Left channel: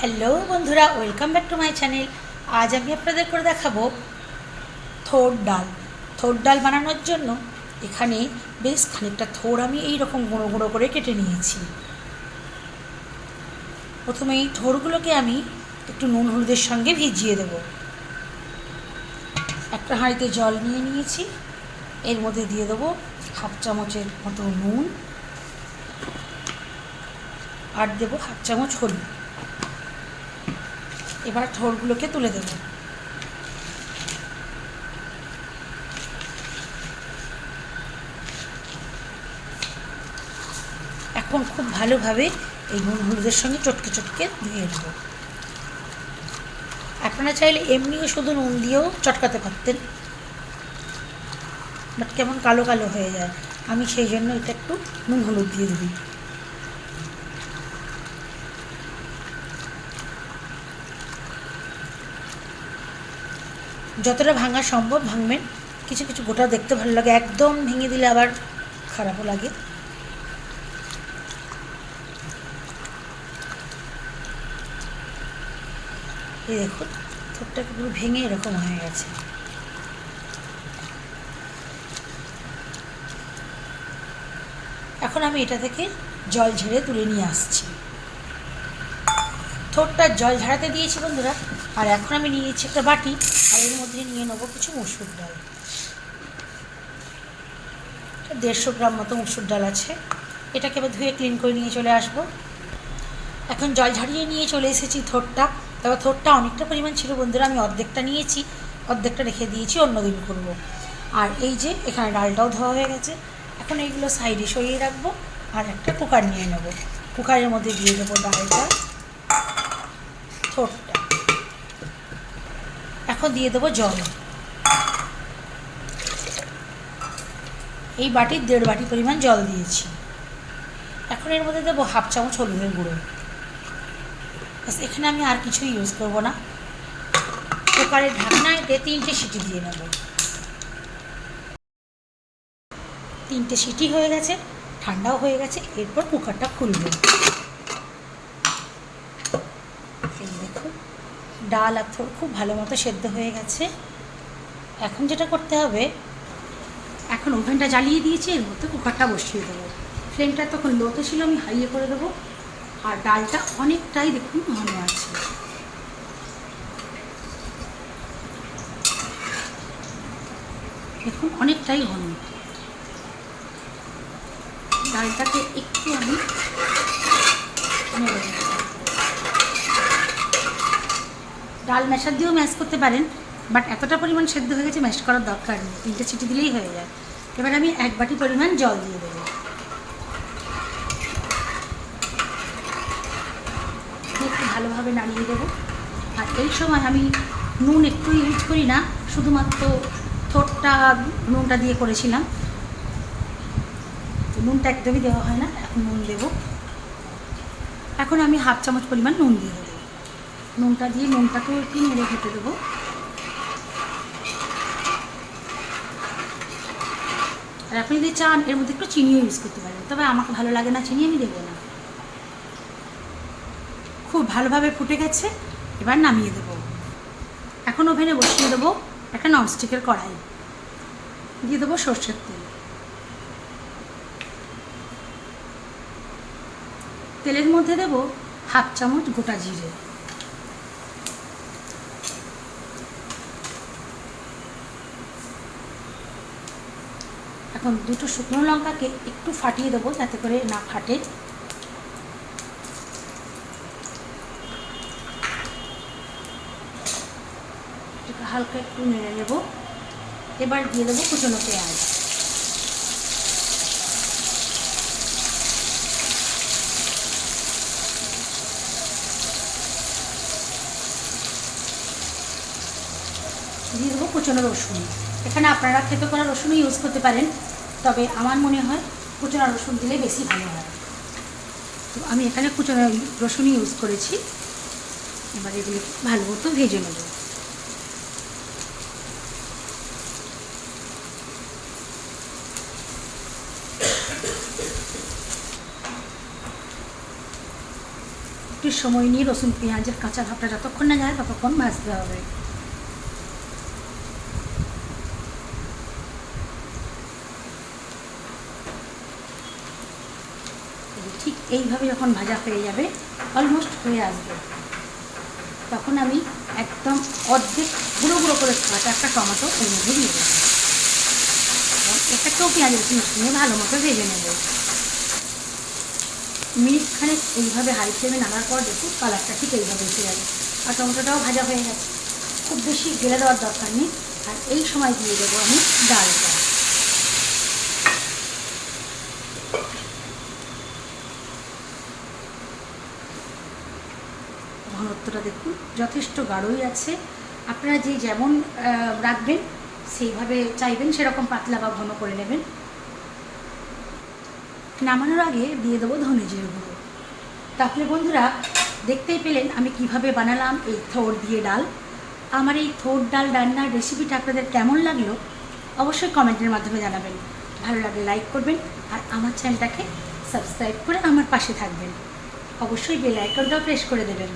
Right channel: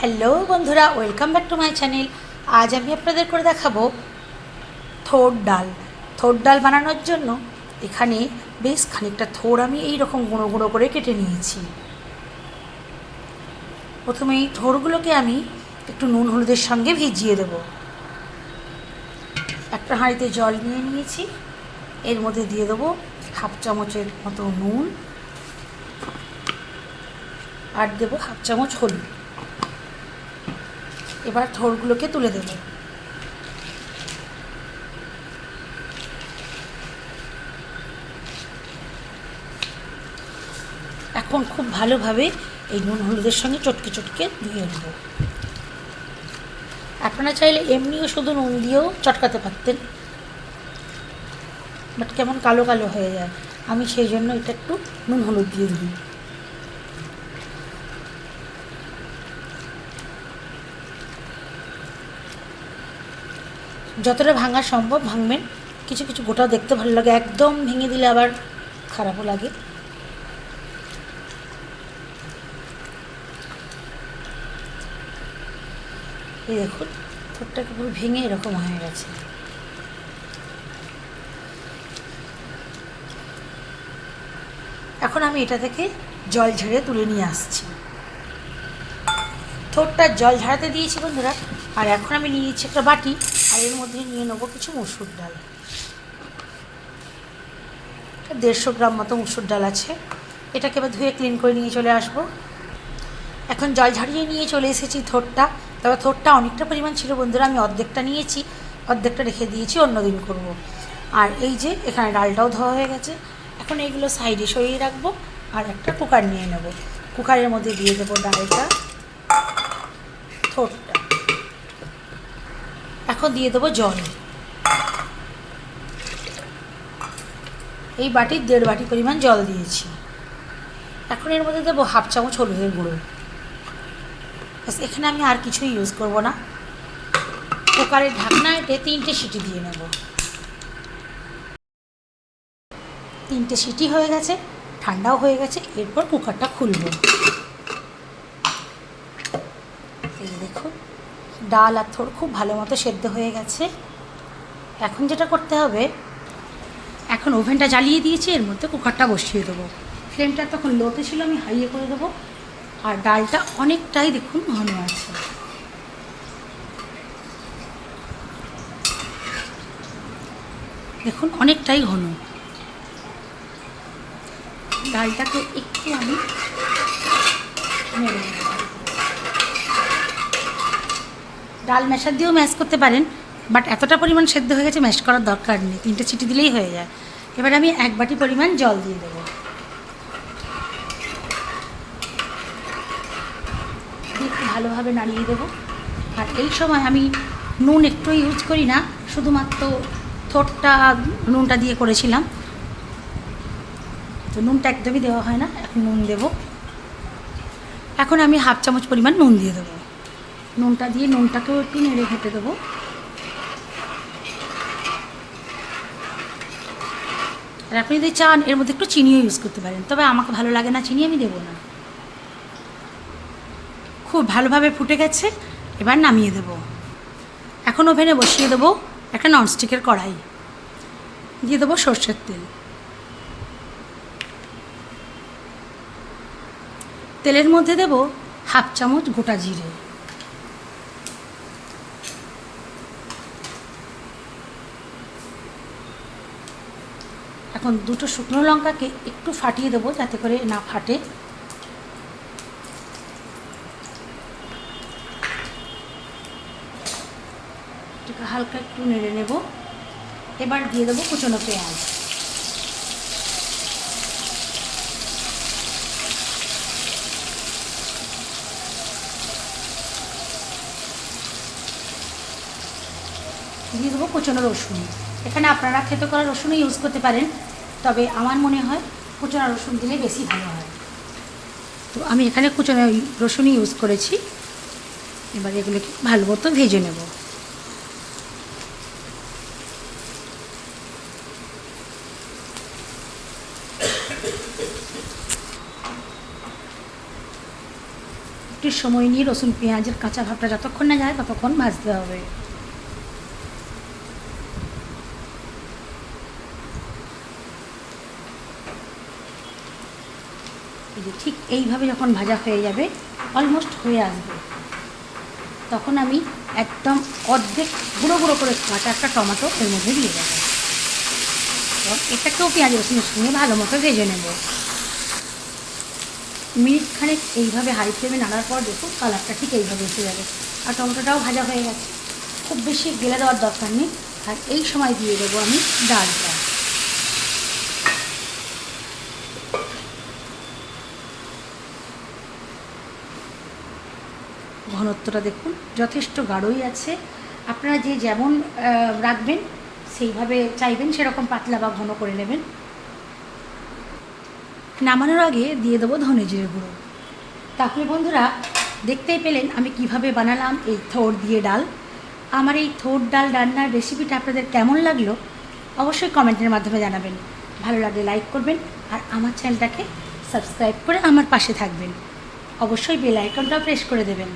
Hello বন্ধুরা, welcome back to my channel. আজ আমি আপনাদের করে দেখাবো থোড় ডাল। থোড় ডাল বানানোর জন্য এখানে বেশ খানিকটা থোড় আমি এই রকম গুঁড়ো গুঁড়ো করে কেটে নিয়েছি। প্রথমে এই থোড়গুলোকে আমি একটু নুন হলুদের সঙ্গে ভিজিয়ে দেব। একটা হাঁড়িতে জল নিয়ে নিয়েছি, এর মধ্যে দিয়ে দেবো হাফ চামচের মতো নুন আর দেবো হাফ চামচ হলুদ। এবার থোড়গুলোকে তুলে দেব। এখন খুব ভালোভাবে এই নুন হলুদের সঙ্গে চটকে চটকে দিয়ে দেবো। আপনারা চাইলে এমনিও শুধু নুন দিয়েও চটকাতে পারতেন, বাট কেমন কালো কালো হয়ে যায়, আমি সেই জন্য এটা একটু নুন হলুদ দিয়ে দিই। যতটা ভাঙা সম্ভব ভাঙবেন, কিছু কিছু গোটা দেখতে ভালো লাগে, একদম ভেঙে দিলে আবার খারাপও লাগে। এই দেখুন, থোড়টাকে পুরো ভেঙে এরকম হয়ে গেছে। এখন আমি এটা থেকে জল ঝেড়ে তুলে নিয়ে আসছি। থোড়টা জল ঝাড়াতে দিয়েছি বন্ধুরা। আর এখন আমি নিয়ে নিচ্ছি একটা বাটি, আর এর মধ্যে নিয়ে নেবো কিছু মসুর ডাল। 150 গ্রাম মতো মসুর ডাল আছে। এটাকে এবার ধুয়ে ক্লিন করে নিয়ে চলে আসবো। এখন জল ঝাড়িয়ে নিয়ে চলে এসেছি থোড়টা। তবে থোড়টা অনেকটা পরিমাণ ছিল বন্ধুরা, আমি অর্ধেকটা নিয়েছি, অর্ধেকটা রেখে দিয়েছি, অন্য দিন করবো। আর এই যে এখানে ডালটাও ধোয়া হয়ে গেছে। এখন এইগুলো সাইডে সরিয়ে রাখবো আর একটা কুকার নিয়ে নেব। কুকারের মধ্যে দিয়ে দেবো ডালটা, থোড়টা। এখন দিয়ে দেবো জল। এই বাটির 1.5 বাটি পরিমাণ জল দিয়েছি। এখন এর মধ্যে দেবো হাফ চামচ হলুদের গুঁড়ো। এখানে আমি আর কিছুই ইউজ করব না। কুকারের ঢাকনায় 3টে সিটি দিয়ে নেব। 3টে সিটি হয়ে গেছে, ঠান্ডাও হয়ে গেছে। এরপর কুকারটা খুলব। এই দেখুন, ডাল আর থোড় খুব ভালো মতো সেদ্ধ হয়ে গেছে। এখন যেটা করতে হবে, এখন ওভেনটা জ্বালিয়ে দিয়েছি, এর মধ্যে কুকারটা বসিয়ে দেবো। ফ্লেমটা তখন লোতে ছিল, আমি হাইয়ে করে দেবো। আর ডালটা অনেকটাই দেখুন ঘন আছে। দেখুন অনেকটাই ঘন। ডালটাকে একটু আমি নেড়ে নেব। ডাল ম্যাশার দিয়েও ম্যাশ করতে পারেন, বাট এতটা পরিমাণ সেদ্ধ হয়ে গেছে, ম্যাশ করার দরকার নেই, 3টে সিটি দিলেই হয়ে যায়। এবার আমি 1 বাটি পরিমাণ জল দিয়ে দেবো। একটু ভালোভাবে নাড়িয়ে দেবো। আর এই সময় আমি নুন একটু ইউজ করি না, শুধুমাত্র থোড়টা নুনটা দিয়ে করেছিলাম, তো নুনটা একদমই দেওয়া হয় না। এখন নুন দেবো। এখন আমি হাফ চামচ পরিমাণ নুন দিয়ে দেবো। নুনটা দিয়ে নুনটাকেও একটু নেড়ে খেতে দেবো। আর আপনি যদি চান এর মধ্যে একটু চিনিও ইউজ করতে পারেন, তবে আমাকে ভালো লাগে না চিনি, আমি দেবো না। খুব ভালোভাবে ফুটে গেছে, এবার নামিয়ে দেবো। এখন ওভেনে বসিয়ে দেবো একটা ননস্টিকের কড়াই, দিয়ে দেবো সর্ষের তেল। তেলের মধ্যে দেবো হাফ চামচ গোটা জিরে। এখন 2টো শুকনো লঙ্কাকে একটু ফাটিয়ে দেবো যাতে করে না ফাটে। হালকা একটু নেড়ে নেব। এবার দিয়ে দেবো কুচনো পেঁয়াজ। দিয়ে দেবো কুচনো রসুন। এখানে আপনারা খেতে করা রসুনও ইউজ করতে পারেন, তবে আমার মনে হয় কুচনো রসুন দিলে বেশি ভালো হয়, তো আমি এখানে কুচনো রসুনই ইউজ করেছি। এবার এগুলো ভালো মতো ভেজে নেব। একটু একটু সময় নিয়ে রসুন পেঁয়াজের কাঁচা ভাবটা যতক্ষণ না যায় ততক্ষণ ভাজতে হবে। ঠিক এইভাবে যখন ভাজা হয়ে যাবে, অলমোস্ট হয়ে আসবে, তখন আমি একদম অর্ধেক গুঁড়ো গুঁড়ো করে কাটা একটা টমেটো এর মধ্যে দিয়ে দেবো। এটাকেও পেঁয়াজ রসুন নিয়ে ভালো মতো ভেজে নেব। মিনিটখানেক এইভাবে হাই ফ্লেমে নাড়ার পর দেখুন কালারটা ঠিক এইভাবে এসে যাবে, আর টমেটোটাও ভাজা হয়ে গেছে। খুব বেশি গেলে দেওয়ার দরকার নেই। আর এই সময় দিয়ে দেবো আমি ডালটা। ঘনত্বটা দেখুন যথেষ্ট গাঢ়ই আছে। আপনারা যে যেমন রাখবেন সেইভাবে চাইবেন সেরকম পাতলা বা ঘন করে নেবেন। নামানোর আগে দিয়ে দেবো ধনে জিরে গুঁড়ো। তাহলে বন্ধুরা দেখতেই পেলেন আমি কিভাবে বানালাম এই থোড় দিয়ে ডাল। আমার এই থোড় ডাল রান্নার রেসিপিটা আপনাদের কেমন লাগলো অবশ্যই কমেন্টের মাধ্যমে জানাবেন। ভালো লাগলে লাইক করবেন, আর আমার চ্যানেলটাকে সাবস্ক্রাইব করে আমার পাশে থাকবেন। অবশ্যই বেল আইকনটাও প্রেস করে দেবেন।